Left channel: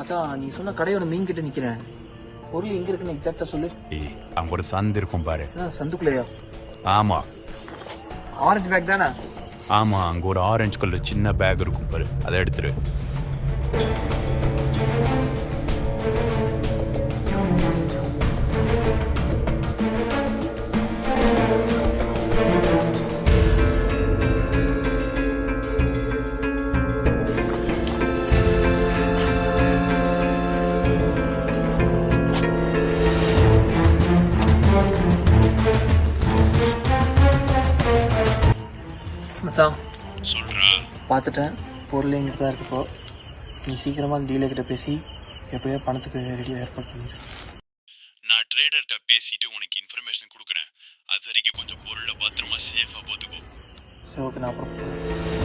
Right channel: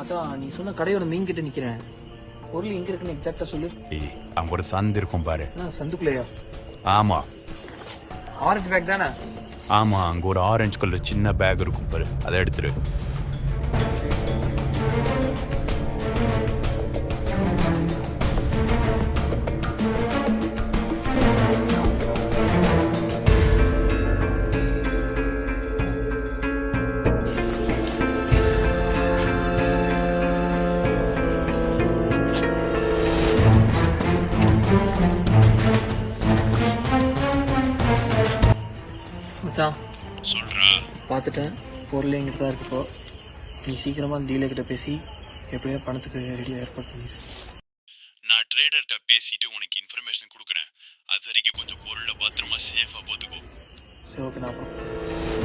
அதான் நீ சொன்ன கடையோட மீன் கிட்ட நிக்கிறேன். பொருள் எங்க இருக்குன்னு எக்ஸாக்டா சொல்லு. ஏய், அங்க ஒரு சந்து இருக்கும் பாரு. சந்துக்குள்ளையா? ஆமா ஆரஞ்சு பேக் தானே? ஆமா, அங்க ஒரு ஆரஞ்சு கலர் சின்ன பேக் இருக்கும் பாரு, அதை எடுத்துரு. மச்சான் சொல்றா. பார்த்துட்டேன், பொருள் எங்கிட்ட தான் இருக்குப்போ. நீ சீக்கிரமா அந்த டீலர் கிட்ட பேசி எப்படியோ பணத்துக்கு ரெடியாக ஏற்பாடு பண்ணிடு. நான் ட்ரேடர்கிட்ட பேசிட்டு உனக்கு இன்ஃபர்மேஷன் கொடுக்குறேன். அது வரைக்கும் கொஞ்சம் பொருளை பத்திரமா சேஃபா போத்துக்கோ. சரி, ஓகே, நான் அப்புறம்